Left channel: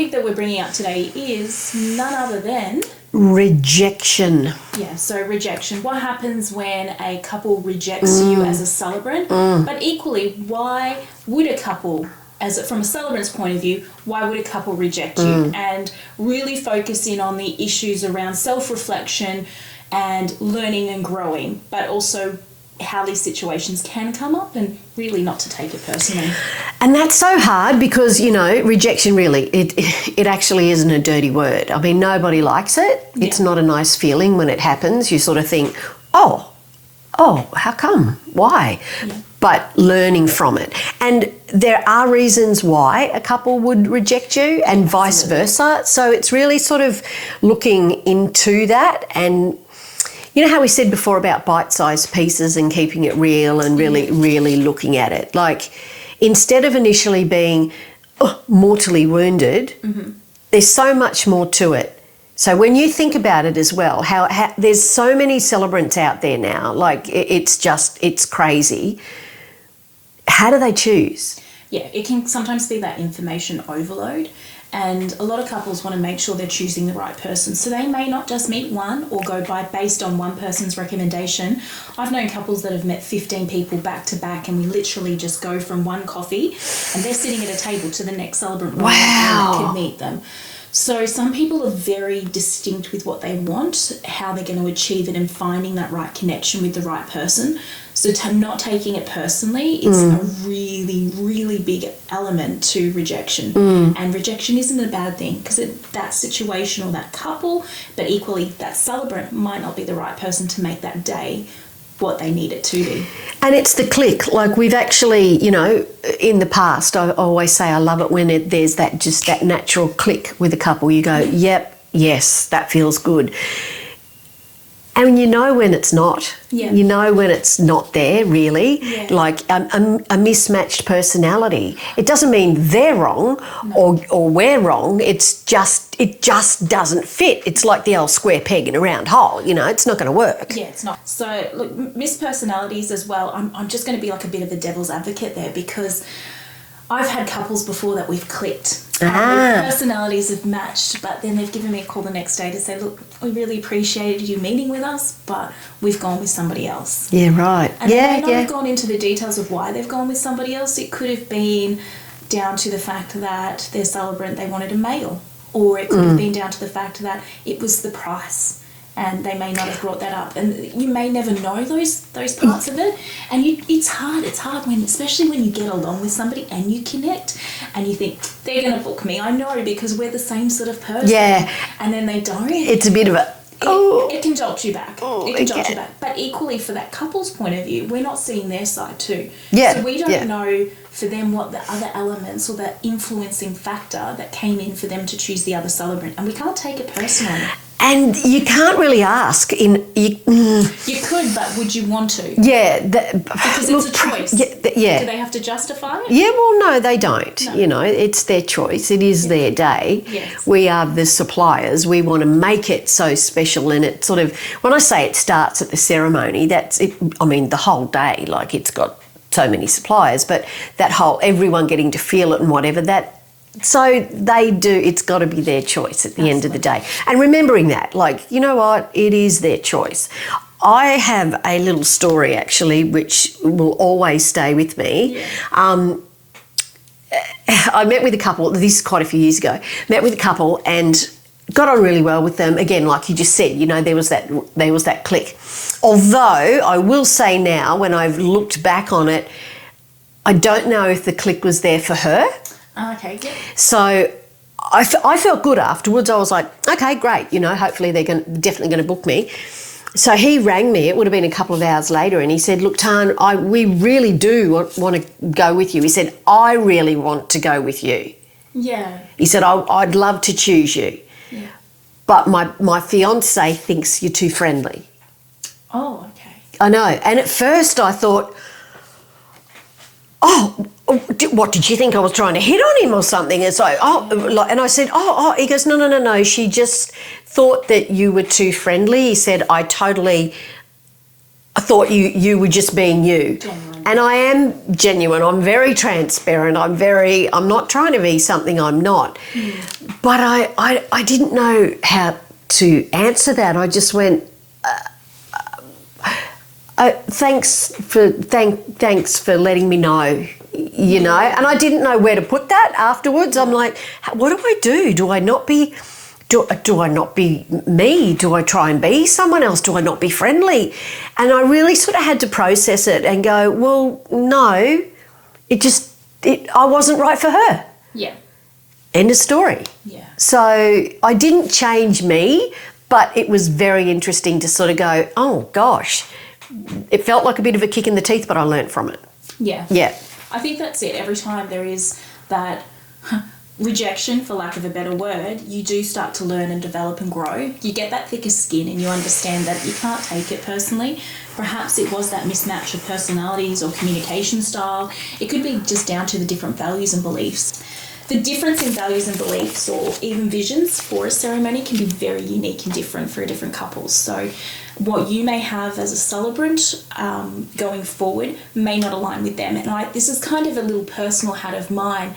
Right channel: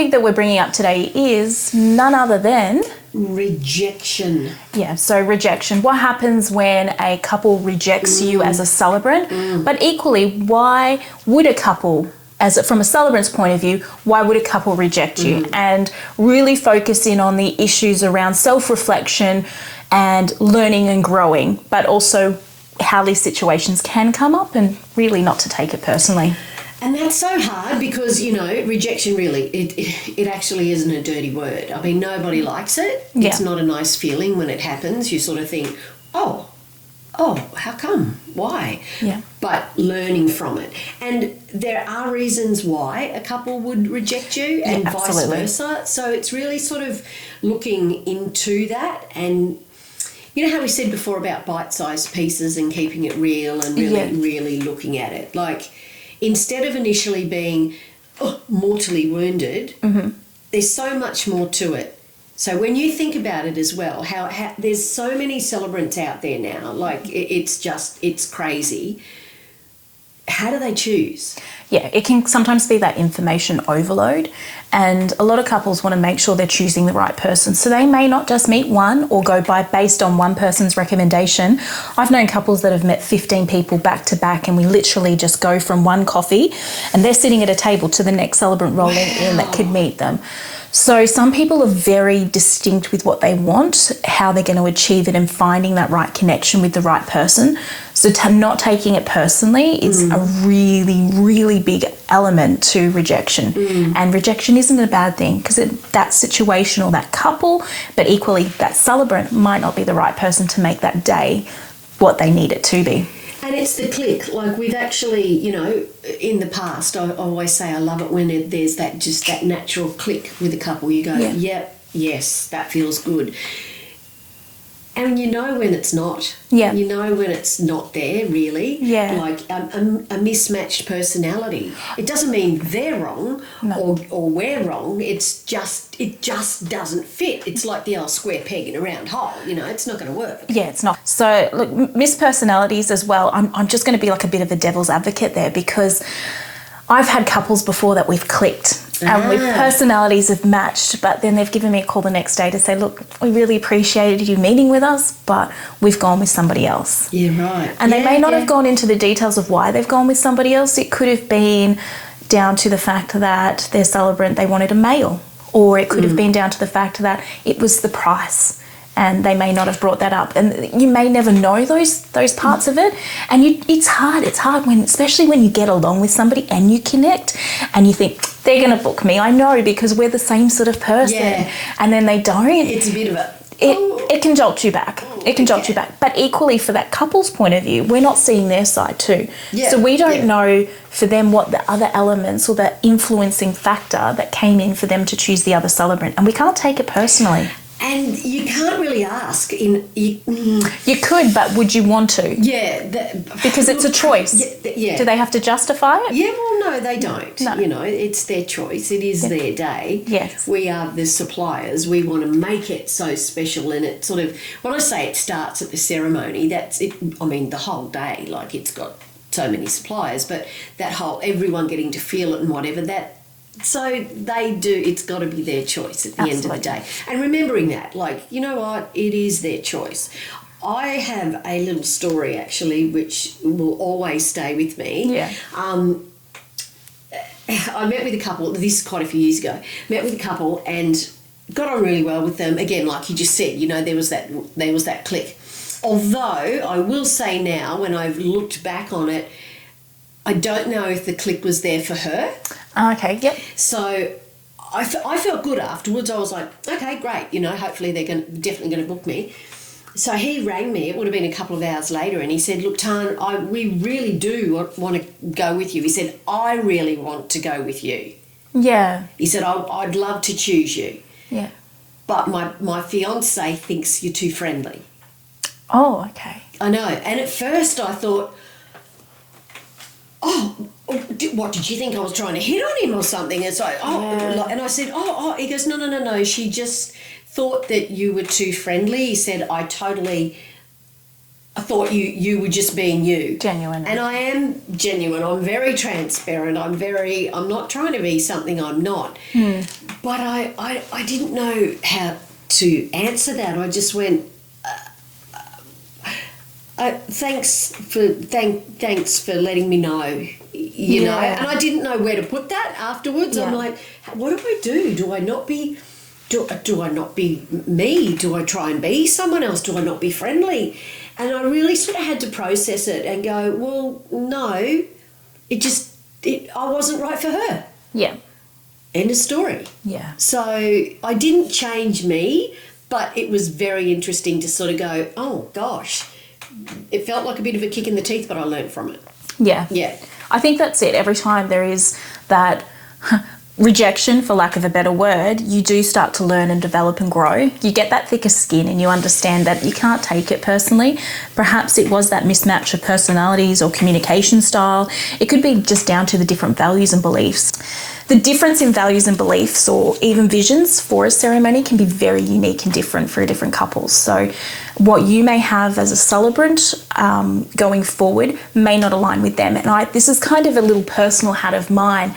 topic that we're bringing up today is none other than... rejection. Yeah, so rejection. What happens when a couple rejects you as a celebrant? But equally, why would a couple, from a celebrant's point of view, why would a couple reject you? And really focus in on the issues around self-reflection and learning and growing, but also how these situations can come up and really not to take it personally. And that's so hard because, rejection really, it actually isn't a dirty word. I mean, nobody likes it. Yeah. It's not a nice feeling when it happens. You sort of think, oh, how come? Why? Yeah. But learning from it. And there are reasons why a couple would reject you and vice versa. So it's really sort of looking into that. And you know how we said before about bite-sized pieces and keeping it real and really looking at it. Like, instead of initially being mortally wounded, there's so much more to it. So when you think about it as well, how there's so many celebrants out there now, like it's crazy. How do they choose? Yeah, it can sometimes be that information overload, and a lot of couples want to make sure they're choosing the right person. So they may not just meet one or go based on one person's recommendation. I've known couples that have met 15 people back to back, and we literally just go from one coffee and they're sitting at a table to the next celebrant rolling in that could meet them. So some people are very distinct with what they want, how they're going to achieve it, and finding that right connection with the right person. So not taking it personally is a really, really big element to rejection. And rejection isn't a bad thing because that situation or that couple, but equally that celebrant might not be the right person to make that day what they need it to be. And it's the click. Like we've actually, in the past, I always say I love it when there's that natural click with a couple. You go, yep, yes, that feels good. And you know when it's not. Yeah. You know when it's not there, really. Yeah. Like a mismatched personality. It doesn't mean they're wrong or we're wrong. It just doesn't fit. It's like the old square peg in a round hole. It's not going to work. Yeah, it's not. So, look, mispersonalities as well. I'm just going to be like a bit of a devil's advocate there because I've had couples before that we've clicked and their personalities have matched, but then they've given me a call the next day to say, look, we really appreciated you meeting with us, but we've gone with somebody else. Yeah, right. And they may not have gone into the details of why they've gone with somebody else. It could have been down to the fact that their celebrant, they wanted a male, or it could have been down to the fact that it was the price. And they may not have brought that up, and you may never know those parts of it. And it's hard. It's hard especially when you get along with somebody and you connect, and you think they're going to book me. I know because we're the same sort of person. Yeah. And then they don't. It's a bit of a. It can jolt you back. It can jolt you back. But equally, for that couple's point of view, we're not seeing their side too. Yeah. So we don't know for them what the other elements or the influencing factor that came in for them to choose the other celebrant, and we can't take it personally. And you can't really ask. You could, but would you want to? Yeah. Because it's a choice. Yeah. Do they have to justify it? Yeah, well, no, they don't. No. It's their choice. It is their day. Yes. We are the suppliers. We want to make it so special. And it sort of, when I say it starts at the ceremony, that's it. I mean, the whole day, like it's got so many suppliers, but that whole, everyone getting to feel it and whatever, so they do, it's got to be their choice at the end of the day. And remembering that, like, you know what, it is their choice. I have a little story actually which will always stay with me. Yeah. I met with a couple, this is quite a few years ago, met with a couple and got on really well with them. Again, like you just said, there was that click. Although I will say now, when I've looked back on it, I don't know if the click was there for her. Okay, yep. So I felt good afterwards. I was like, okay, great. Hopefully they're definitely going to book me. So he rang me. It would have been a couple of hours later, and he said, look, Tan, we really do want to go with you. He said, I really want to go with you. Yeah. He said, I'd love to choose you. Yeah. But my fiancé thinks you're too friendly. Oh, okay. I know. And at first I thought, what did you think I was trying to hit on him or something? It's like, and I said, he goes, no. She just thought that you were too friendly. He said, I thought you were just being you. Genuine. And I am genuine. I'm very transparent. I'm not trying to be something I'm not. But I didn't know how to answer that. I just went, thanks for letting me know, you know. And I didn't know where to put that afterwards. I'm like, what do I do? Do I not be me? Do I try and be someone else? Do I not be friendly? And I really sort of had to process it and go, well, no, I wasn't right for her. Yeah. End of story. Yeah. So I didn't change me, but it was very interesting to sort of go, oh gosh, it felt like a bit of a kick in the teeth, but I learnt from it. Yeah. Yeah. I think that's it. Every time there is that rejection, for lack of a better word, you do start to learn and develop and grow. You get that thicker skin and you understand that you can't take it personally. Perhaps it was that mismatch of personalities or communication style. It could be just down to the different values and beliefs. The difference in values and beliefs or even visions for a ceremony can be very unique and different for different couples. So what you may have as a celebrant going forward may not align with them. And this is kind of a little personal hat of mine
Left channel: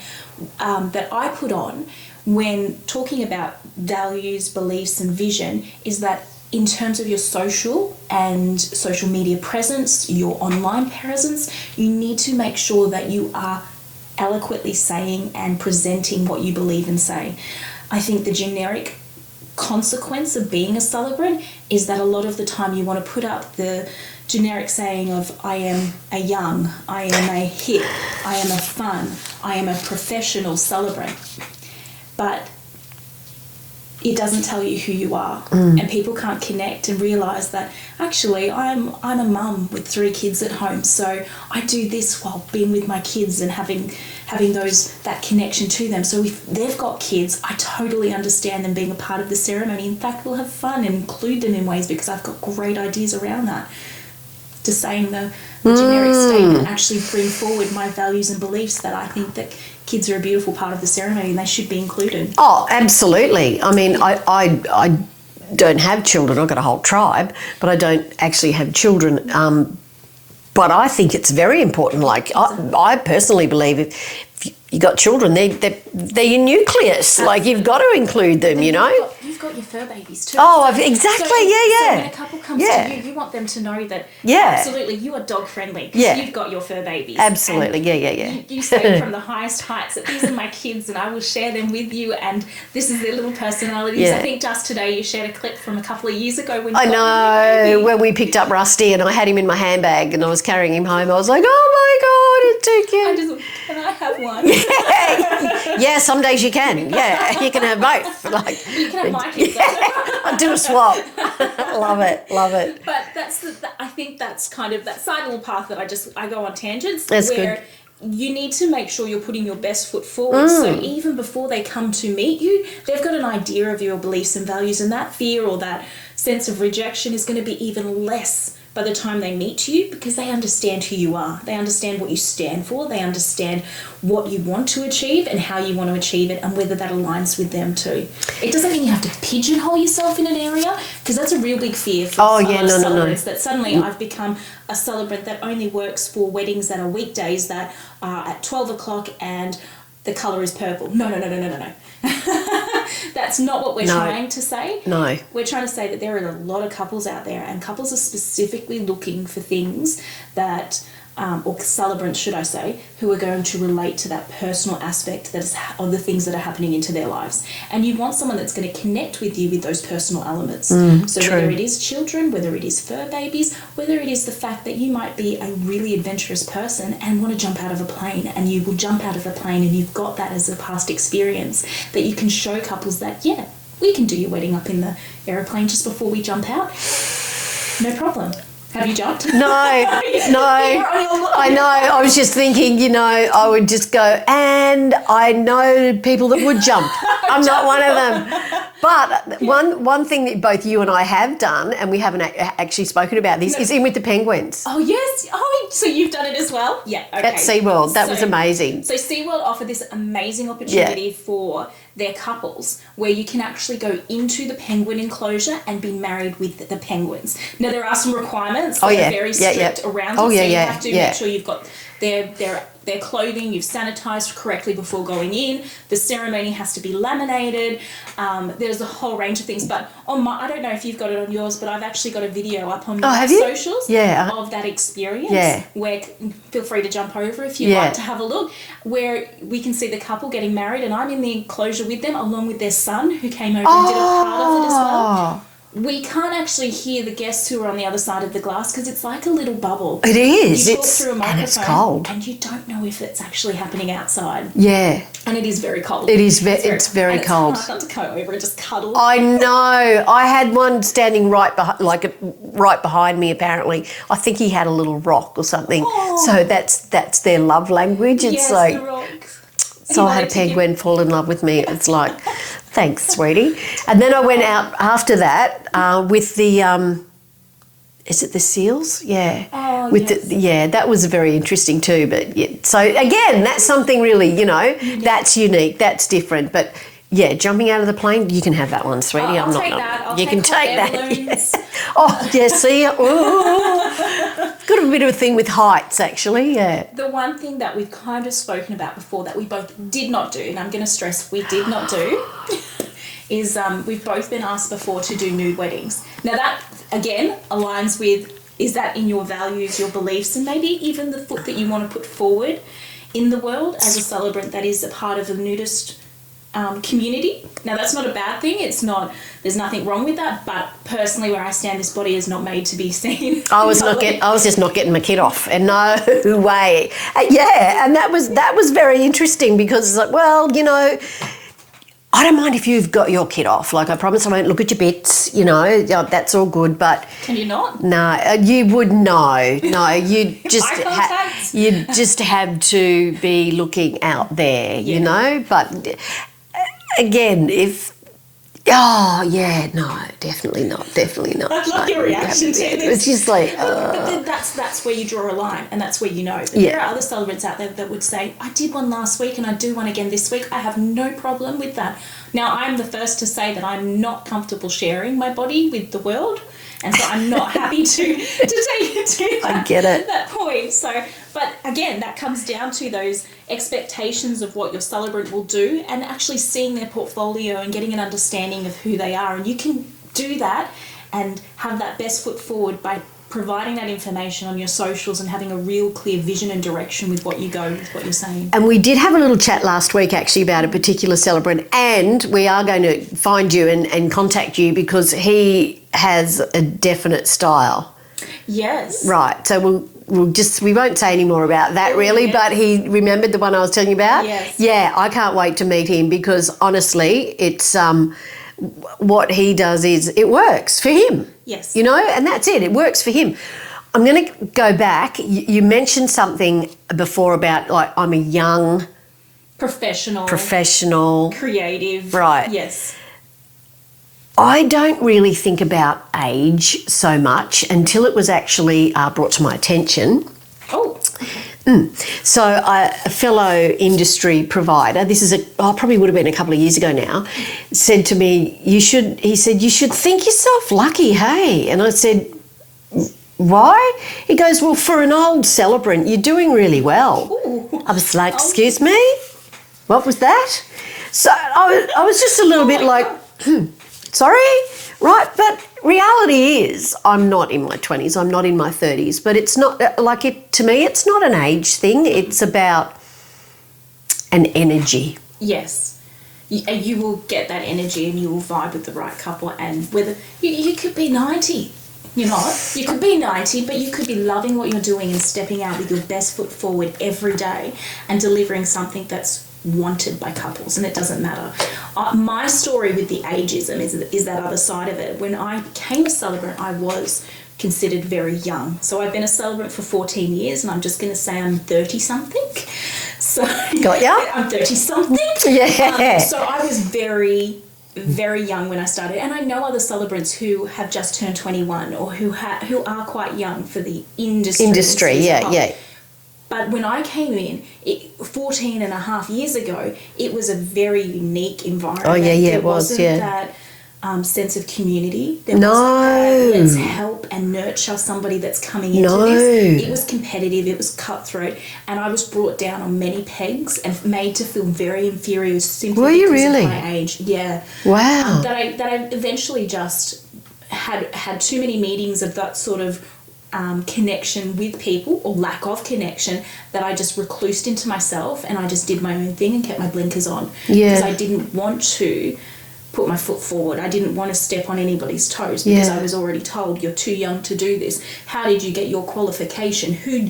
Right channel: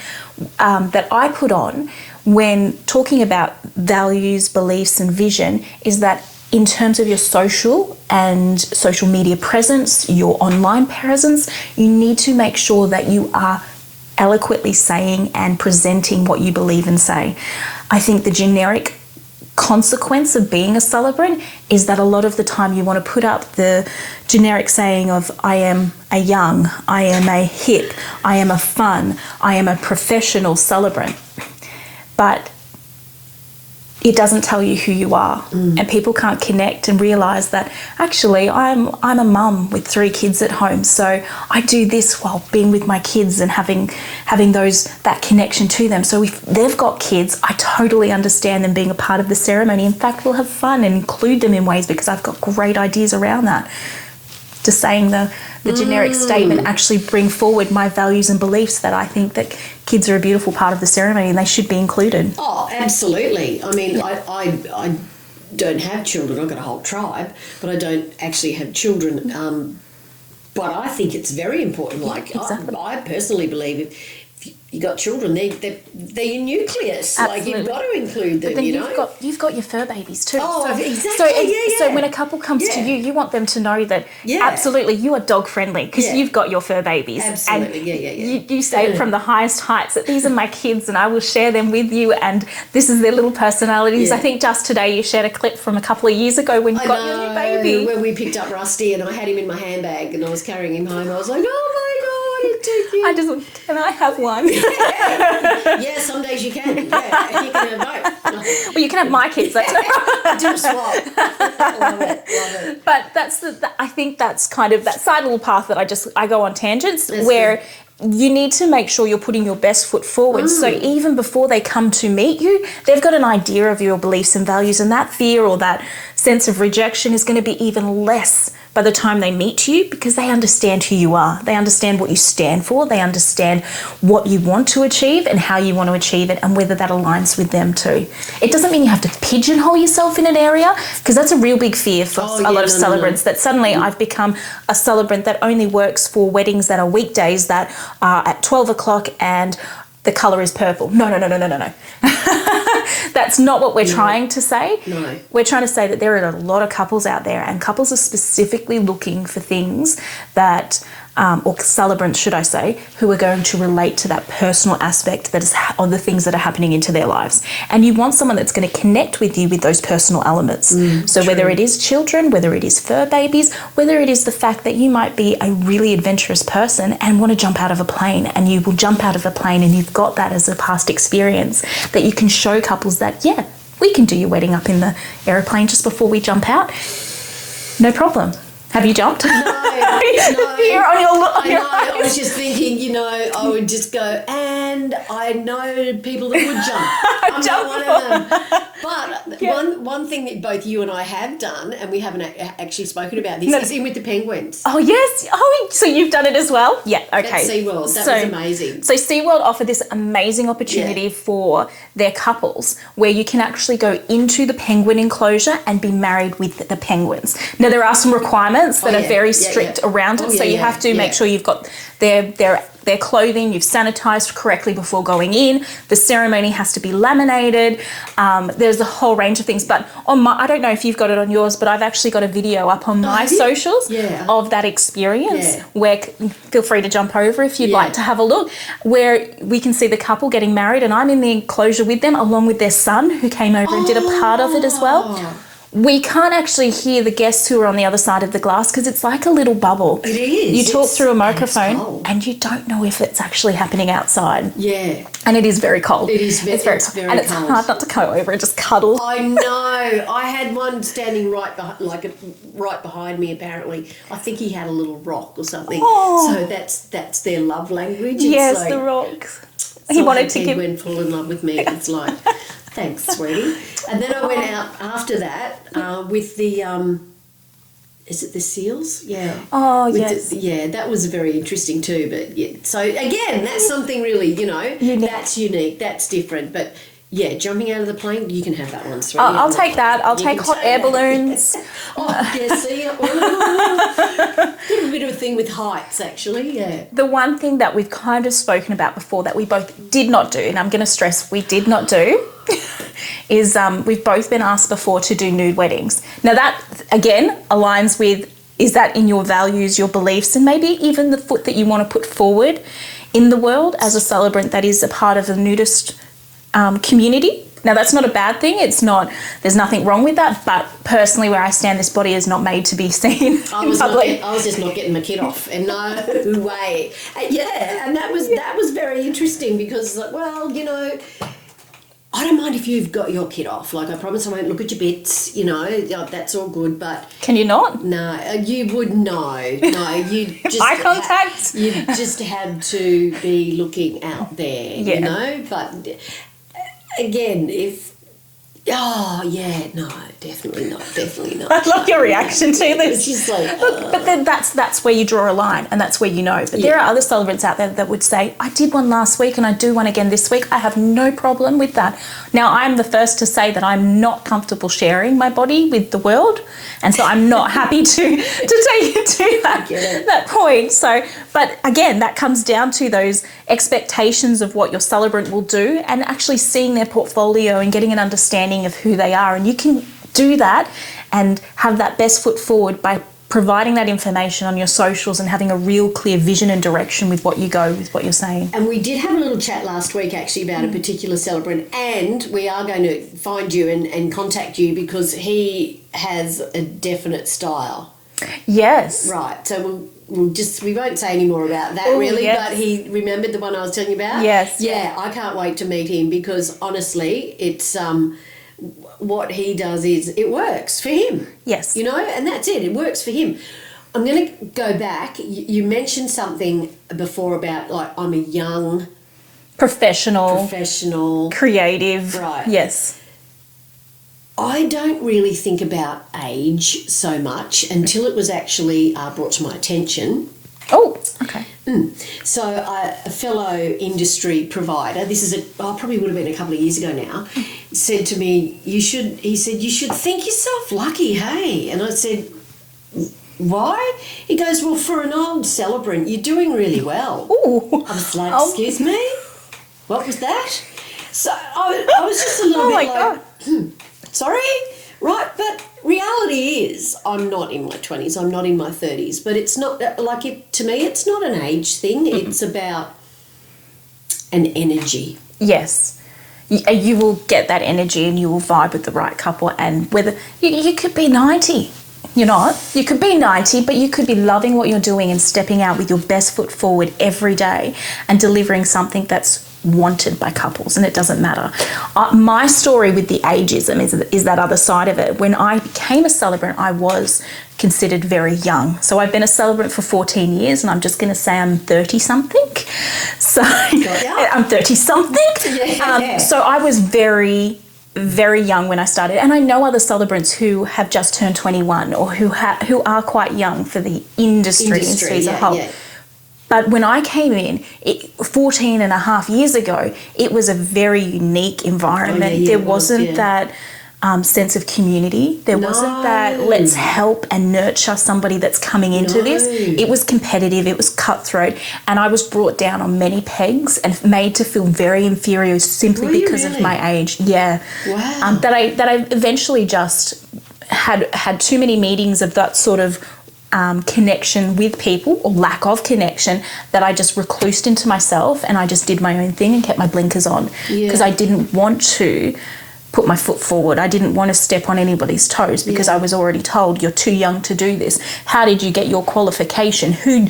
that I put on when talking about values, beliefs and vision is that in terms of your social and social media presence, your online presence, you need to make sure that you are eloquently saying and presenting what you believe and say. I think the generic consequence of being a celebrant is that a lot of the time you want to put up the generic saying of I am a young, I am a hip, I am a fun, I am a professional celebrant. But it doesn't tell you who you are. And people can't connect and realise that actually I'm a mum with 3 kids at home, so I do this while being with my kids and having that connection to them. So if they've got kids, I totally understand them being a part of the ceremony. In fact, we'll have fun and include them in ways because I've got great ideas around that. Just saying the generic statement actually bring forward my values and beliefs that I think that kids are a beautiful part of the ceremony and they should be included. Oh, absolutely. I mean, I don't have children. I've got a whole tribe, but I don't actually have children. But I think it's very important. Like, exactly. I personally believe if you got children, they're your nucleus. Absolutely. Like, you've got to include them, you know. You've got your fur babies too. Oh, so, exactly, So when a couple comes to you, you want them to know that absolutely you are dog friendly because you've got your fur babies. Absolutely, and You say from the highest heights that these are my kids and I will share them with you and this is their little personalities. I think just today you shared a clip from a couple of years ago when you got your new baby. When we picked up Rusty and I had him in my handbag and I was carrying him home, I was like, oh my God, it's too cute. Can I have one? Yeah, some days you can. Yeah, you can have both. Well, you can have my kids. I'll do a swap. Love it. But I think that's kind of that side little path that I go on tangents that's where good. You need to make sure you're putting your best foot forward. So even before they come to meet you, they've got an idea of your beliefs and values, and that fear or that sense of rejection is going to be even less by the time they meet you because they understand who you are. They understand what you stand for. They understand what you want to achieve and how you want to achieve it and whether that aligns with them too. It doesn't mean you have to pigeonhole yourself in an area because that's a real big fear for a lot of celebrants that suddenly I've become a celebrant that only works for weddings that are weekdays that are at 12 o'clock and the colour is purple. No. That's not what we're trying to say. No. We're trying to say that there are a lot of couples out there and couples are specifically looking for things that, or celebrants should I say, who are going to relate to that personal aspect that is of the things that are happening into their lives. And you want someone that's going to connect with you with those personal elements. So true. whether it is children, whether it is fur babies, whether it is the fact that you might be a really adventurous person and want to jump out of a plane and you will jump out of a plane and you've got that as a past experience that you can show couples that, yeah, we can do your wedding up in the aeroplane just before we jump out. No problem. Have you jumped? No. I know. I was just thinking, you know, I would just go, and I know people that would jump. I'm not one of them. But one thing that both you and I have done, and we haven't actually spoken about this, is in with the penguins. Oh, yes. Oh, so you've done it as well? Yeah, okay. At SeaWorld. That was amazing. So SeaWorld offered this amazing opportunity for their couples where you can actually go into the penguin enclosure and be married with the penguins. Now, there are some requirements that are very strict around it. So you have to make sure you've got their their clothing, you've sanitized correctly before going in. The ceremony has to be laminated. There's a whole range of things. But I don't know if you've got it on yours, but I've actually got a video up on my socials of that experience. Where feel free to jump over if you'd like to have a look, where we can see the couple getting married, and I'm in the enclosure with them along with their son who came over and did a part of it as well. We can't actually hear the guests who are on the other side of the glass because it's like a little bubble. It is. You talk through a microphone cold. and you don't know if it's actually happening outside. Yeah. And it is very cold. It is very cold. It's hard not to go over and just cuddle. I know. I had one standing right behind me, apparently. I think he had a little rock or something. Oh. So that's their love language. It's yes, like, the rocks. so I had Penguin fall in love with me. It's like, thanks, sweetie. And then I went out after that with the, is it the seals? Yeah. Oh, yes. That was very interesting too. But yeah, so again, that's something really, unique. That's unique, that's different. But yeah, jumping out of the plane, you can have that one, sweetie. I'll take that. I'll take hot air balloons. Oh, yeah, see? Got a bit of a thing with heights, actually, yeah. The one thing that we've kind of spoken about before that we both did not do, and I'm going to stress we did not do, is we've both been asked before to do nude weddings. Now that, again, aligns with, is that in your values, your beliefs, and maybe even the foot that you want to put forward in the world as a celebrant that is a part of the nudist community. Now that's not a bad thing. It's not. There's nothing wrong with that. But personally, where I stand, this body is not made to be seen. I was just not getting my kid off, and no way. And that was very interesting because it's like, well, I don't mind if you've got your kid off. Like, I promise I won't look at your bits. That's all good. But can you not? No, you would know. No, you just eye contact. You just have to be looking out there. But again, definitely not. I love your reaction to this. It's just like, but then that's where you draw a line, and that's where you know. But there are other celebrants out there that would say, I did one last week and I do one again this week. I have no problem with that. Now, I'm the first to say that I'm not comfortable sharing my body with the world, and so I'm not happy to take it to that point. So, but again, that comes down to those expectations of what your celebrant will do, and actually seeing their portfolio and getting an understanding of who they are. And you can do that and have that best foot forward by providing that information on your socials and having a real clear vision and direction with what you go with what you're saying. And we did have a little chat last week actually about a particular celebrant, and we are going to find you and contact you because he has a definite style. Yes. Right. So we won't say any more about that but he remembered the one I was telling you about. Yes. Yeah, I can't wait to meet him because honestly, it's what he does is it works for him. Yes. And that's it. It works for him. I'm going to go back. You mentioned something before about like I'm a young professional, creative. Right. Yes. I don't really think about age so much until it was actually brought to my attention. Oh, okay. So a fellow industry provider, this is probably would have been a couple of years ago now, said to me, you should think yourself lucky, hey? And I said, why? He goes, well, for an old celebrant, you're doing really well. Ooh. I was like, excuse me? What was that? So I was just a little bit like, sorry? Right, but reality is I'm not in my 20s, I'm not in my 30s, but it's not, to me, it's not an age thing, it's about an energy. Yes. You will get that energy and you will vibe with the right couple, and whether, you could be 90, you're not. You could be 90, but you could be loving what you're doing and stepping out with your best foot forward every day and delivering something that's wanted by couples, and it doesn't matter. My story with the ageism is that other side of it. When I became a celebrant, I was considered very young. So I've been a celebrant for 14 years, and I'm just going to say I'm 30-something. So I'm 30-something. Yeah. So I was very, very young when I started, and I know other celebrants who have just turned 21 or who are quite young for the industry. Yeah. But when I came in 14 and a half years ago, it was a very unique environment. There wasn't that sense of community. There wasn't that let's help and nurture somebody that's coming into this. It was competitive, it was cutthroat, and I was brought down on many pegs and made to feel very inferior simply because of my age. Yeah. Wow. That I eventually just had too many meetings of that sort of connection with people, or lack of connection, that I just reclused into myself and I just did my own thing and kept my blinkers on because I didn't want to put my foot forward. I didn't want to step on anybody's toes because I was already told, you're too young to do this. How did you get your qualification? Who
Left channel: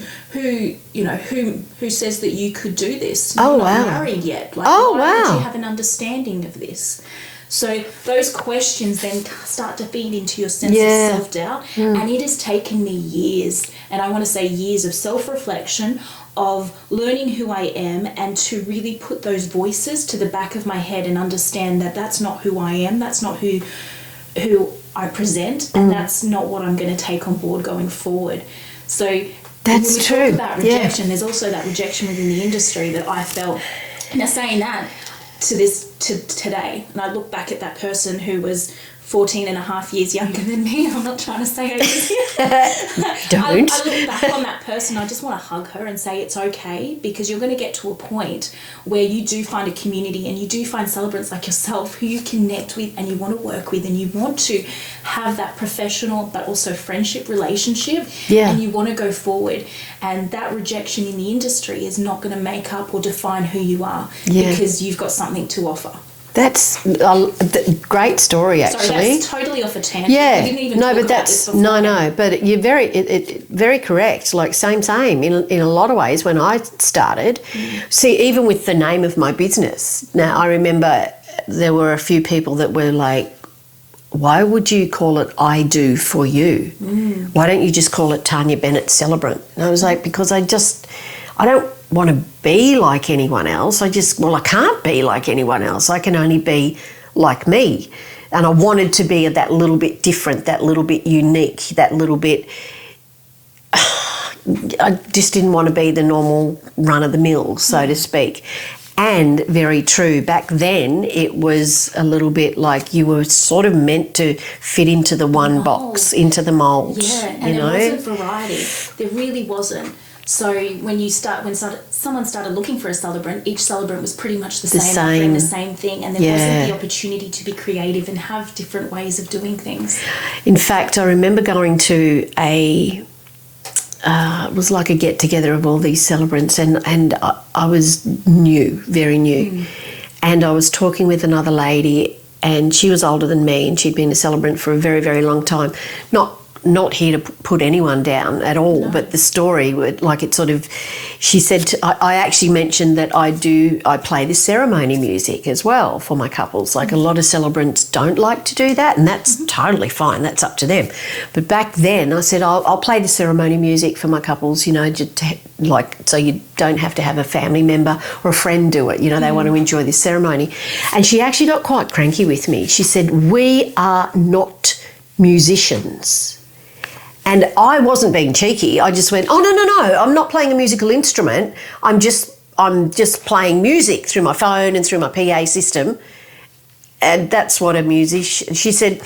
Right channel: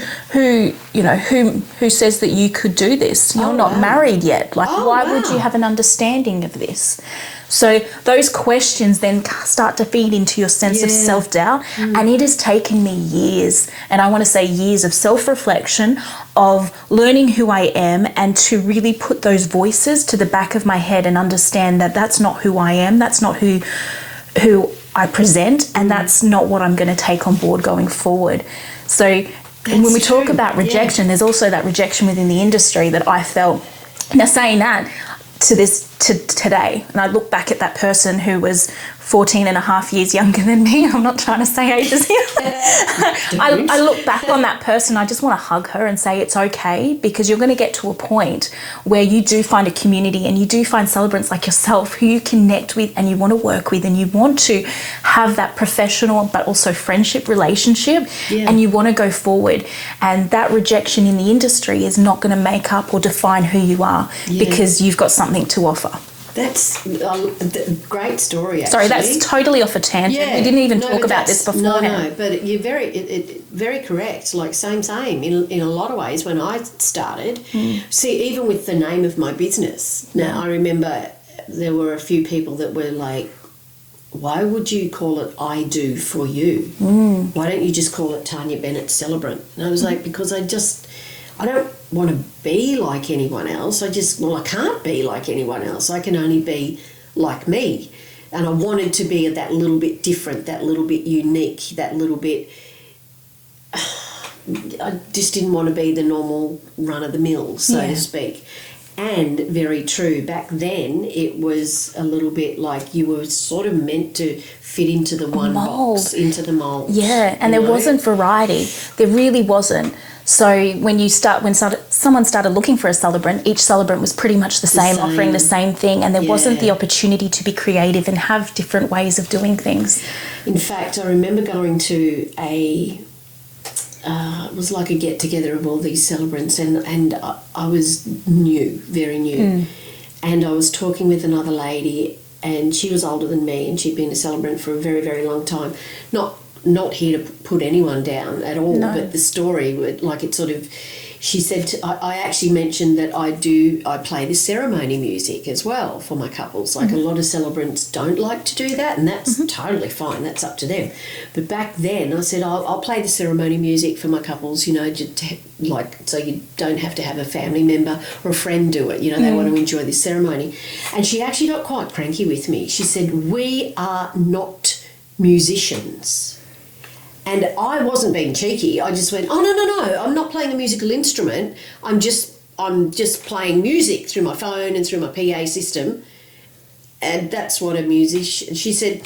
says that you could do this? You're not married yet. Like, why would you have an understanding of this? So those questions then start to feed into your sense of self-doubt. And it has taken me years, and I want to say years of self-reflection, of learning who I am, and to really put those voices to the back of my head and understand that that's not who I am, that's not who I present, and that's not what I'm going to take on board going forward. So when we talk about rejection, there's also that rejection within the industry that I felt. Now, saying that, to today, and I look back at that person who was 14 and a half years younger than me. I'm not trying to say ages here. I look back on that person, I just want to hug her and say it's okay, because you're going to get to a point where you do find a community and you do find celebrants like yourself who you connect with and you want to work with, and you want to have that professional but also friendship relationship, and you want to go forward. And that rejection in the industry is not going to make up or define who you are, because you've got something to offer. That's a great story, actually. Sorry, that's totally off a tangent. Yeah. We didn't even talk about this before. No, but you're very correct. Like, same. In a lot of ways, when I started, see, even with the name of my business, now I remember there were a few people that were like, why would you call it I Do For You? Why don't you just call it Tanya Bennett Celebrant? And I was like, because I don't want to be like anyone else. I can't be like anyone else. I can only be like me. And I wanted to be that little bit different, that little bit unique, that little bit... I just didn't want to be the normal run-of-the-mill, so to speak. And very true, back then it was a little bit like you were sort of meant to fit into the one box, into the mould. Yeah, and there wasn't variety. There really wasn't. So when someone started looking for a celebrant, each celebrant was pretty much the same, offering the same thing, and there wasn't the opportunity to be creative and have different ways of doing things. In fact, I remember going to it was like a get-together of all these celebrants, and I was new, very new, and I was talking with another lady, and she was older than me, and she'd been a celebrant for a very, very long time. Not here to put anyone down at all, but the story, like, it sort of, she said, I actually mentioned that I play the ceremony music as well for my couples. Like, a lot of celebrants don't like to do that, and that's totally fine. That's up to them. But back then I said, I'll play the ceremony music for my couples, so you don't have to have a family member or a friend do it. They want to enjoy this ceremony. And she actually got quite cranky with me. She said, we are not musicians. And I wasn't being cheeky. I just went, no, I'm not playing a musical instrument. I'm just playing music through my phone and through my PA system. And that's what a musician... She said,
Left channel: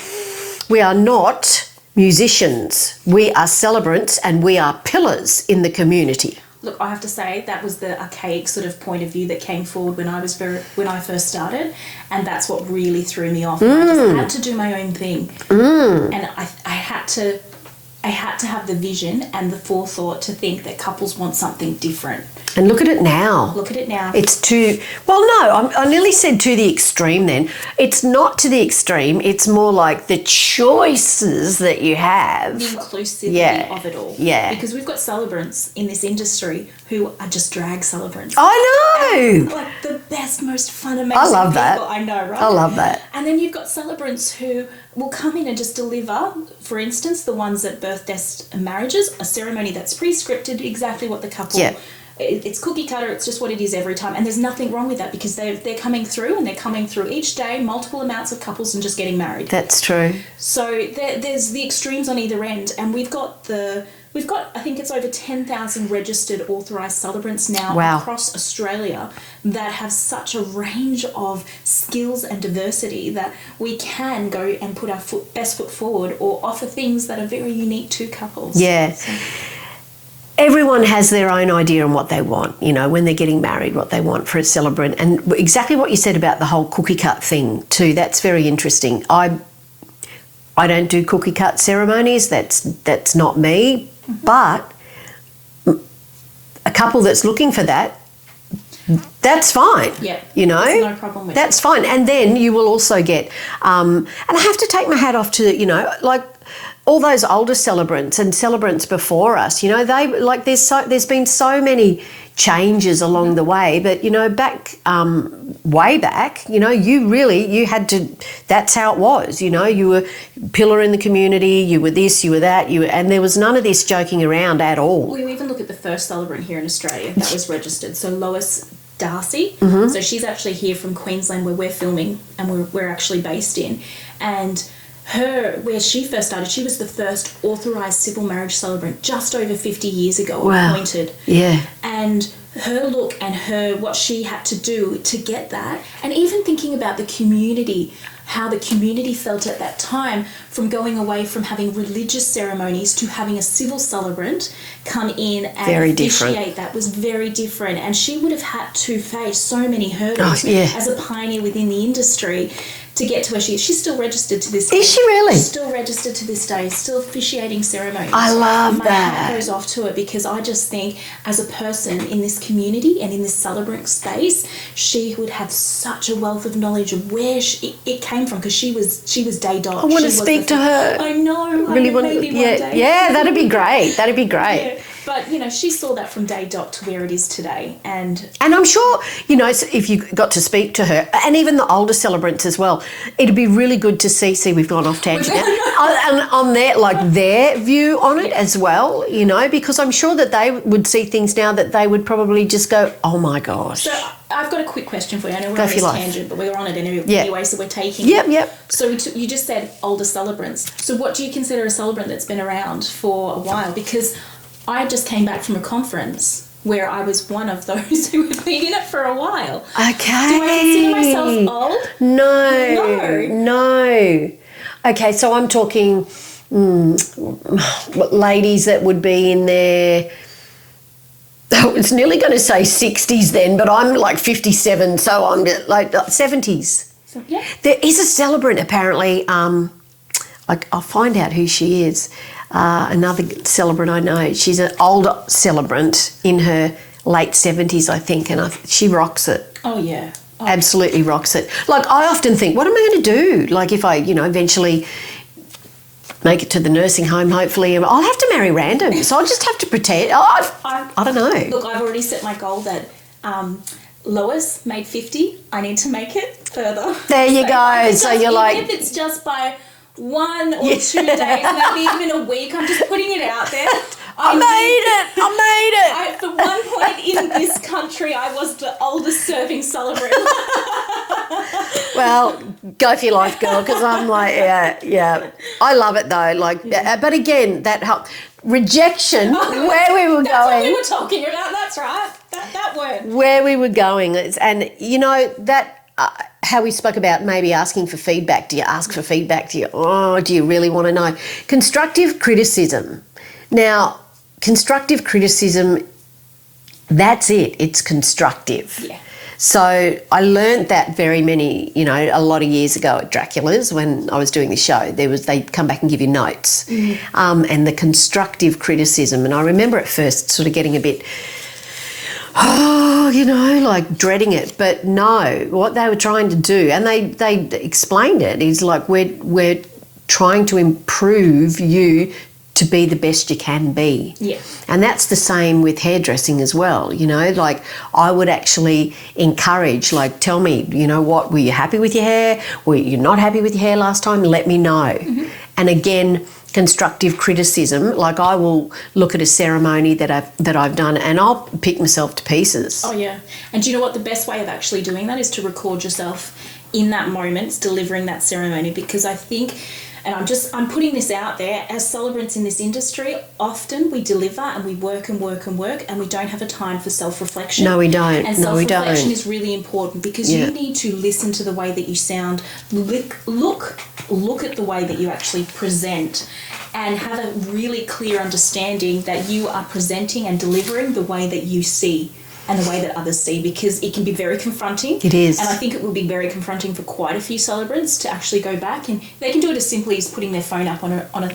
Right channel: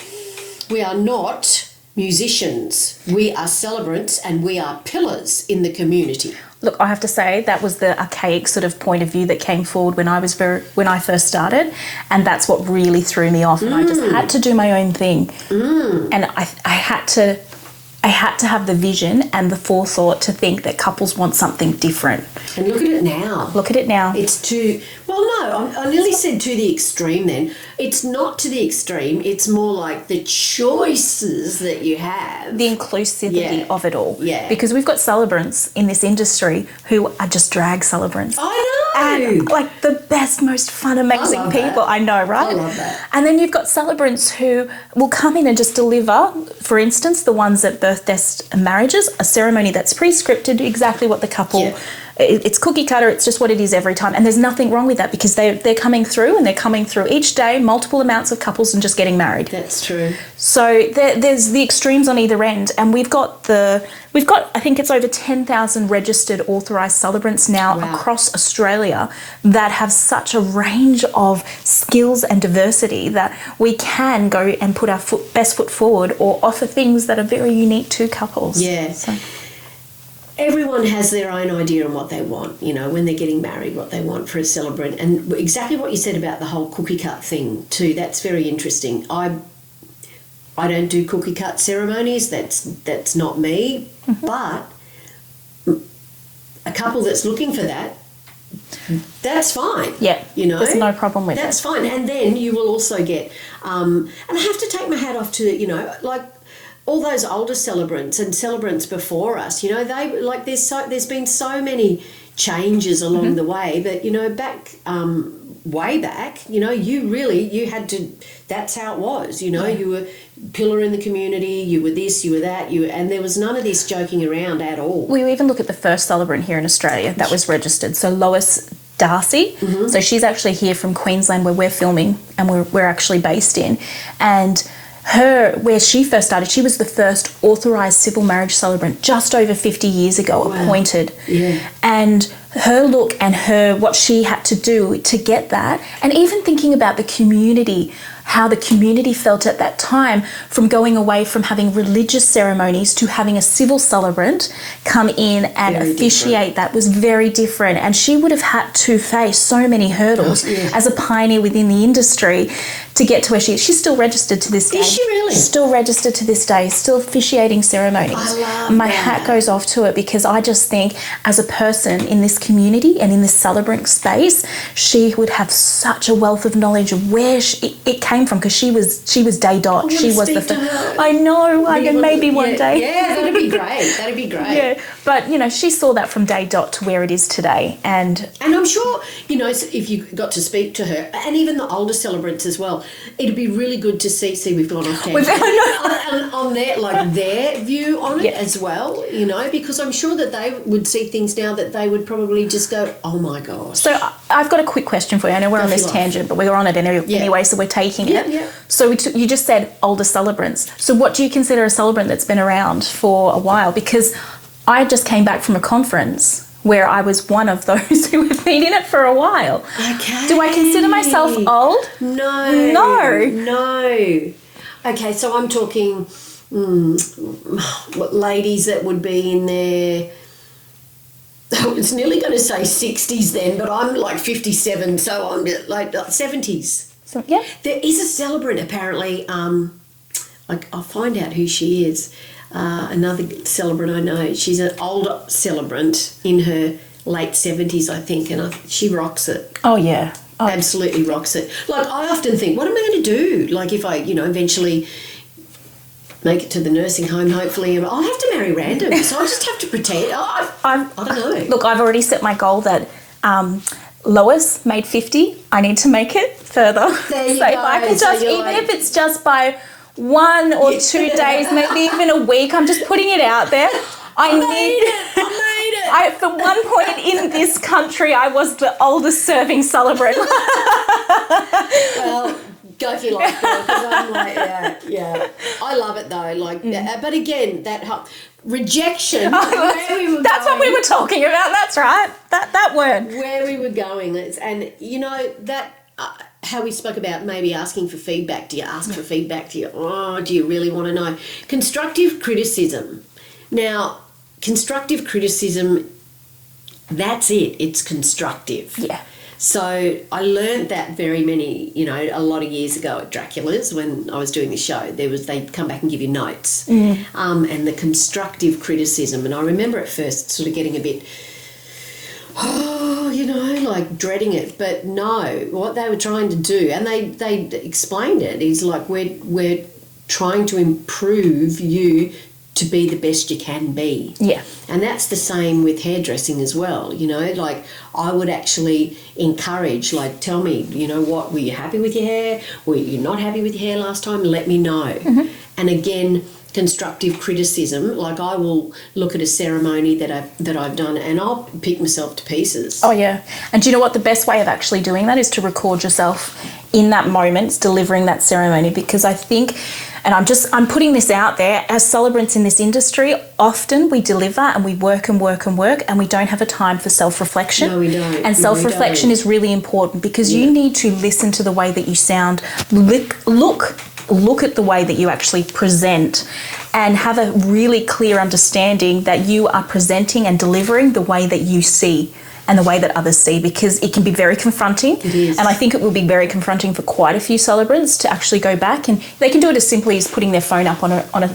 we are not musicians. We are celebrants, and we are pillars in the community. Look, I have to say that was the archaic sort of point of view that came forward when I first started, and that's what really threw me off. And I just had to do my own thing, and I had to have the vision and the forethought to think that couples want something different. And look at it now. It's too... Well, no, I nearly said to the extreme then. It's not to the extreme. It's more like the choices that you have. The inclusivity of it all. Yeah. Because we've got celebrants in this industry who are just drag celebrants. I know! And, like, the best, most fun, amazing people. That. I know, right? I love that. And then you've got celebrants who will come in and just deliver, for instance, the ones at birthdays and marriages, a ceremony that's pre-scripted, exactly what the couple it's cookie cutter, it's just what it is every time. And there's nothing wrong with that, because they're coming through, and they're coming through each day, multiple amounts of couples, and just getting married. That's true. So there's the extremes on either end, and we've got I think it's over 10,000 registered authorised celebrants now across Australia that have such a range of skills and diversity that we can go and put our best foot forward, or offer things that are very unique to couples. Yeah. So. Everyone has their own idea on what they want, you know, when they're getting married, what they want for a celebrant. And exactly what you said about the whole cookie cut thing too, that's very interesting. I don't do cookie cut ceremonies, that's not me. Mm-hmm. But a couple that's looking for that, that's fine. Yeah, you know, there's no problem with that's fine. And then you will also get, and I have to take my hat off to, you know, like all those older celebrants and celebrants before us. You know, they like there's been so many changes along the way, but you know, way back, you know, you had to. That's how it was. You know, you were pillar in the community. You were this, you were that, and there was none of this joking around at all. We even look at the first celebrant here in Australia that was registered. So Lois Darcy. Mm-hmm. So she's actually here from Queensland, where we're filming and we're actually based in, and where she first started, she was the first authorised civil marriage celebrant just over 50 years ago, appointed. Yeah. And her look and what she had to do to get that, and even thinking about the community, how the community felt at that time, from going away from having religious ceremonies to having a civil celebrant come in and officiate, that was very different. And she would have had to face so many hurdles as a pioneer within the industry to get to where she is. She's still registered to this day. Is she really? Still registered to this day, still officiating ceremonies. I love My hat goes off to it, because I just think as a person in this community and in this celebrant space, she would have such a wealth of knowledge of where it came from, because she was day dot. I want to speak to her. I know, maybe one day. Yeah, that'd be great. That'd be great. Yeah, but you know, she saw that from day dot to where it is today, and I'm sure, you know, if you got to speak to her, and even the older celebrants as well, it'd be really good to see. We've gone off tangent on their view on it as well, you know, because I'm sure that they would see things now that they would probably just go, oh my gosh. So I've got a quick question for you. I know we're on this tangent, but we were on it anyway, so we're taking it. Yep. So you just said older celebrants. So what do you consider a celebrant that's been around for a while? Because I just came back from a conference where I was one of those who have been in it for a while. Okay. Do I consider myself old? No. Okay, so I'm talking ladies that would be in their, I was nearly going to say 60s then, but I'm like 57, so I'm like 70s. So, yeah. There is a celebrant apparently, I'll find out who she is. Another celebrant I know, she's an older celebrant in her late 70s, I think, and she rocks it. Oh, yeah. Oh. Absolutely rocks it. Like, I often think, what am I going to do? Like, if I, you know, eventually make it to the nursing home, hopefully, I'll have to marry random, so I just have to pretend. I don't know. Look, I've already set my goal that Lois made 50. I need to make it further. There you go. So you're like, even if it's just by 1 or 2 days, maybe even a week, I'm just putting it out there. I made it. For one point in this country, I was the oldest serving celebrant. Well, go for your life, girl, because I'm like, yeah. I love it though. Like, but again, that helped. Rejection, where we were going. That's what we were talking about. That's right. That word. Where we were going, and you know that. How we spoke about maybe asking for feedback. Do you ask for feedback? Do you really want to know? Constructive criticism. Now, constructive criticism, that's it. It's constructive. Yeah. So I learned that a lot of years ago at Dracula's when I was doing the show. They'd come back and give you notes, and the constructive criticism. And I remember at first sort of getting a bit, like dreading it. But no, what they were trying to do, and they explained it, is like we're trying to improve you to be the best you can be. Yeah. And that's the same with hairdressing as well, you know, like I would actually encourage, like, tell me, you know what, were you happy with your hair? Were you not happy with your hair last time? Let me know. Mm-hmm. And again, constructive criticism. Like I will look at a ceremony that I've done and I'll pick myself to pieces. Oh, yeah. And do you know what? The best way of actually doing that is to record yourself in that moment, delivering that ceremony, because I think, and I'm putting this out there, as celebrants in this industry, often we deliver and we work and work and work and we don't have a time for self-reflection. No, we don't. And self-reflection is really important because you need to listen to the way that you sound, look at the way that you actually present, and have a really clear understanding that you are presenting and delivering the way that you see and the way that others see, because it can be very confronting. It is. And I think it will be very confronting for quite a few celebrants to actually go back, and they can do it as simply as putting their phone up on a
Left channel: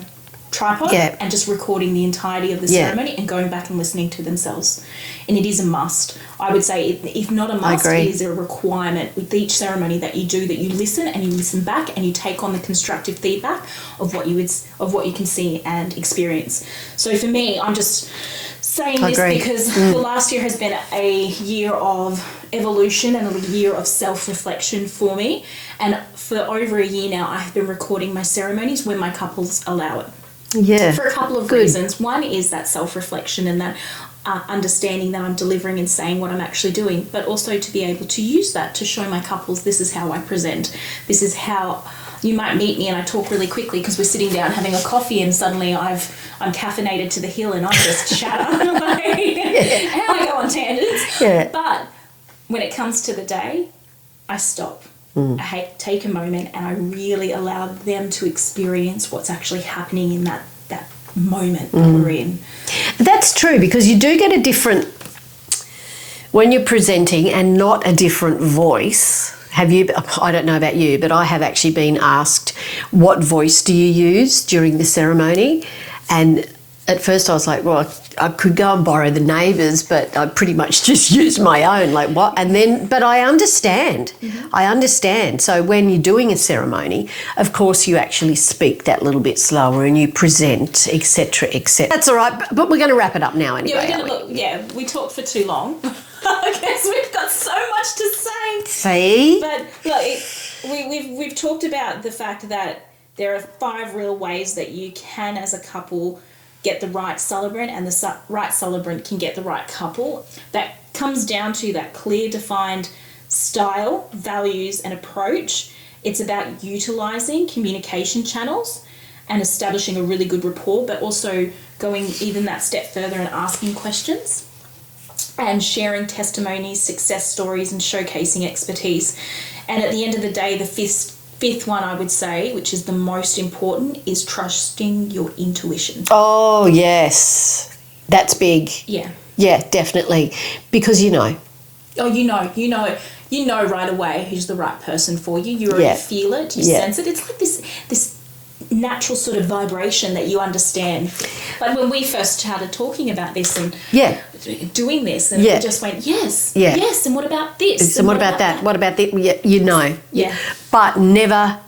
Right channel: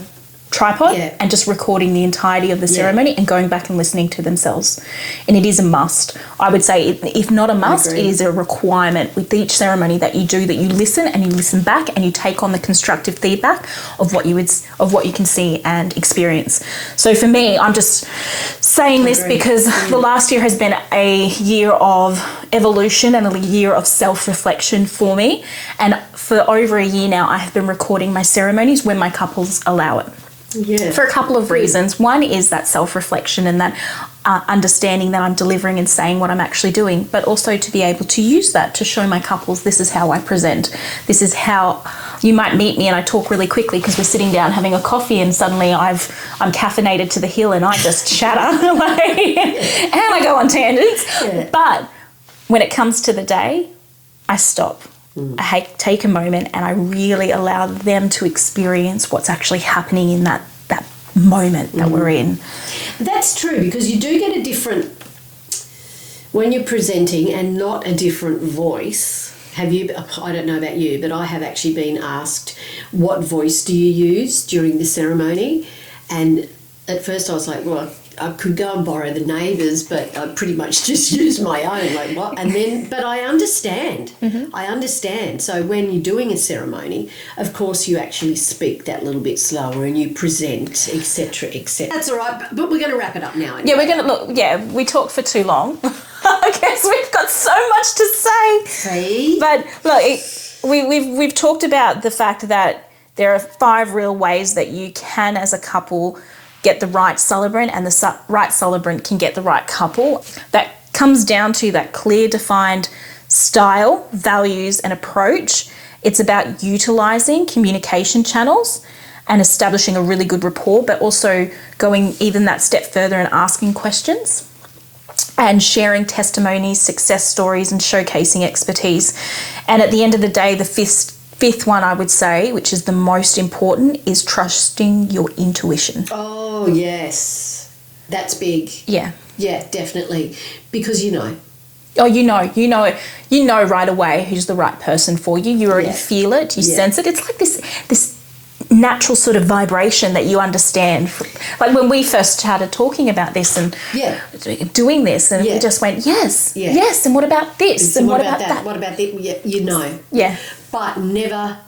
tripod and just recording the entirety of the ceremony and going back and listening to themselves. And it is a must. I would say, if not a must, it is a requirement with each ceremony that you do, that you listen and you listen back and you take on the constructive feedback of what you can see and experience. So for me, I'm just saying this because the last year has been a year of evolution and a year of self-reflection for me. And for over a year now, I have been recording my ceremonies when my couples allow it. Yeah. For a couple of reasons. One is that self-reflection and that understanding that I'm delivering and saying what I'm actually doing, but also to be able to use that to show my couples, this is how I present. This is how you might meet me and I talk really quickly because we're sitting down having a coffee and suddenly I'm caffeinated to the hill and I just chatter and I go on tangents. Yeah. But when it comes to the day, I stop. I take a moment and I really allow them to experience what's actually happening in that moment that we're in. That's true, because you do get a different, when you're presenting and not a different voice. I don't know about you, but I have actually been asked, what voice do you use during the ceremony? And at first I was like, well, I could go and borrow the neighbours, but I pretty much just use my own. Like what? And then, but I understand. I understand. So when you're doing a ceremony, of course you actually speak that little bit slower and you present, etc., etc. That's all right, but we're going to wrap it up now. Anyway, yeah, we're going to look. Yeah, we talked for too long. I guess we've got so much to say. See, but look, we've talked about the fact that there are 5 real ways that you can, as a couple, get the right celebrant, and the right celebrant can get the right couple. That comes down to that clear, defined style, values, and approach. It's about utilising communication channels and establishing a really good rapport, but also going even that step further and asking questions and sharing testimonies, success stories, and showcasing expertise. And at the end of the day, the fifth one, I would say, which is the most important, is trusting your intuition. Oh, yes. That's big. Yeah. Yeah, definitely. Because you know. Oh, you know right away who's the right person for you. You already feel it, you sense it. It's like this natural sort of vibration that you understand. Like when we first started talking about this and doing this, and we just went, yes, and what about this? And what about that? What about that? Yeah, you know. Yeah. But never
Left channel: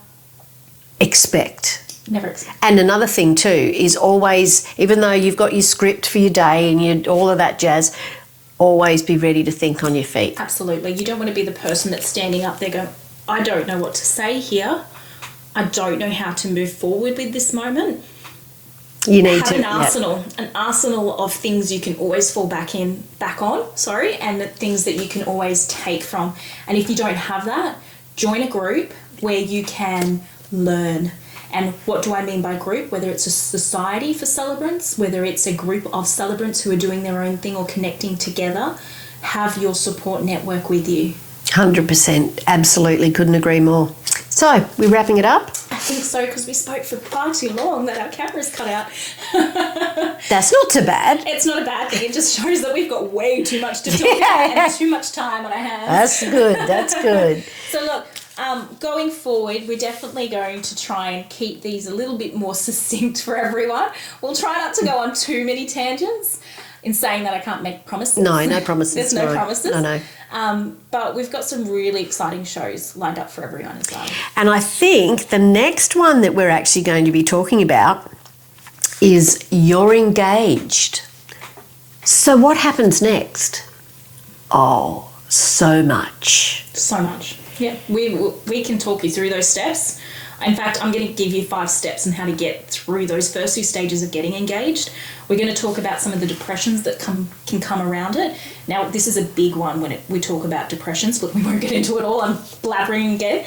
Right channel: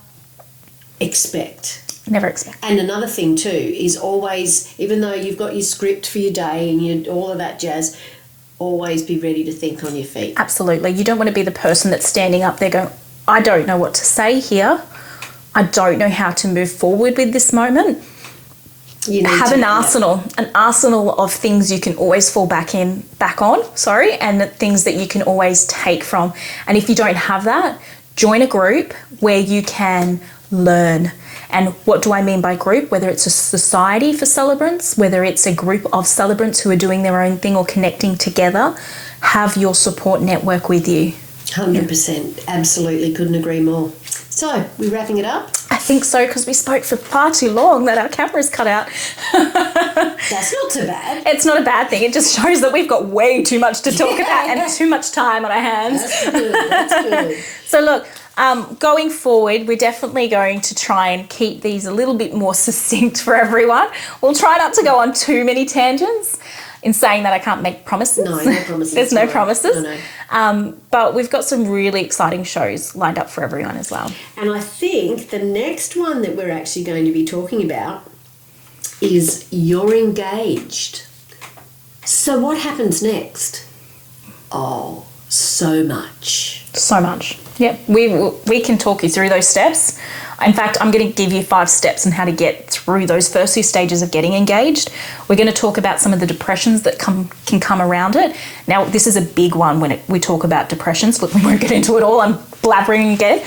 expect. Never expect. And another thing too is always, even though you've got your script for your day and all of that jazz, always be ready to think on your feet. Absolutely. You don't want to be the person that's standing up there going, I don't know what to say here. I don't know how to move forward with this moment. You need to have an arsenal of things you can always fall back on, and the things that you can always take from. And if you don't have that, join a group where you can learn. And what do I mean by group? Whether it's a society for celebrants, whether it's a group of celebrants who are doing their own thing or connecting together, have your support network with you. 100%. Absolutely. Couldn't agree more. So, we're wrapping it up? I think so, because we spoke for far too long that our camera's cut out. That's not too bad. It's not a bad thing. It just shows that we've got way too much to talk about and too much time on our hands. That's good. That's good. So, look, going forward, we're definitely going to try and keep these a little bit more succinct for everyone. We'll try not to go on too many tangents. In saying that, I can't make promises. No promises. There's no promises. No. But we've got some really exciting shows lined up for everyone as well. And I think the next one that we're actually going to be talking about is You're Engaged. So what happens next? Oh, so much. So much. Yeah, we can talk you through those steps. In fact, I'm going to give you 5 steps on how to get through those first 2 stages of getting engaged. We're going to talk about some of the depressions that can come around it. Now, this is a big one when we talk about depressions, but we won't get into it all. I'm blabbering again.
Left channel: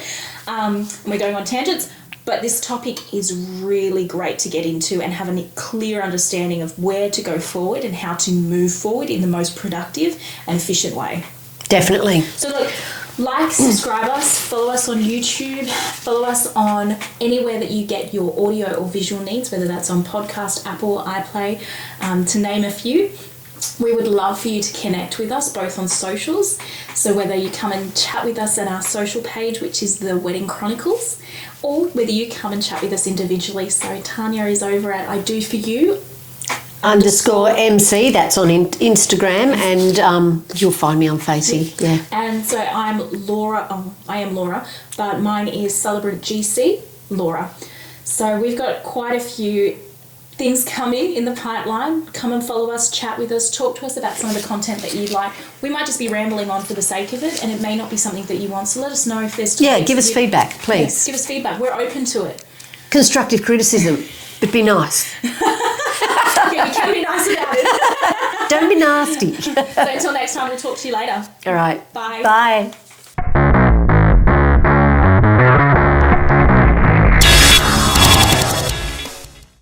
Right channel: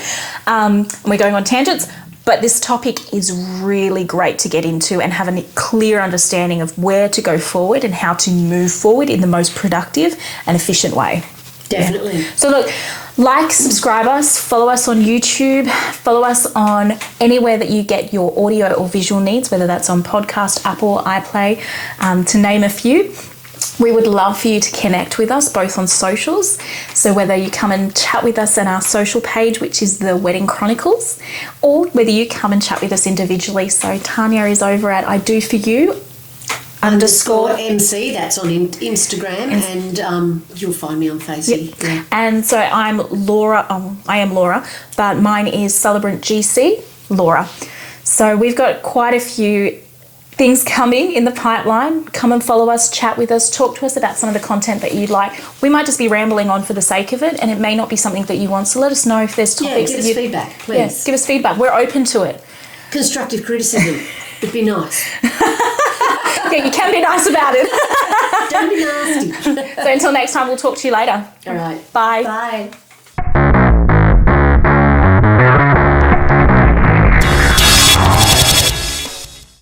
We're going on tangents. But this topic is really great to get into and have a clear understanding of where to go forward and how to move forward in the most productive and efficient way. Definitely. So look, like, subscribe us, follow us on YouTube, follow us on anywhere that you get your audio or visual needs, whether that's on podcast, Apple, iPlay, to name a few. We would love for you to connect with us both on socials. So whether you come and chat with us on our social page, which is the Wedding Chronicles, or whether you come and chat with us individually. So Tanya is over at I Do For You _MC, that's on Instagram, and you'll find me on Facebook. Yep. Yeah. And so I'm Laura, I am Laura, but mine is Celebrant GC, Laura. So we've got quite a few things coming in the pipeline. Come and follow us, chat with us, talk to us about some of the content that you'd like. We might just be rambling on for the sake of it, and it may not be something that you want, so let us know if there's topics. Yeah, give us feedback, please. Yes, give us feedback. We're open to it. Constructive criticism, but be nice. Yeah, you can be nice about it. Don't be nasty. So until next time, we'll talk to you later. All right. Bye. Bye.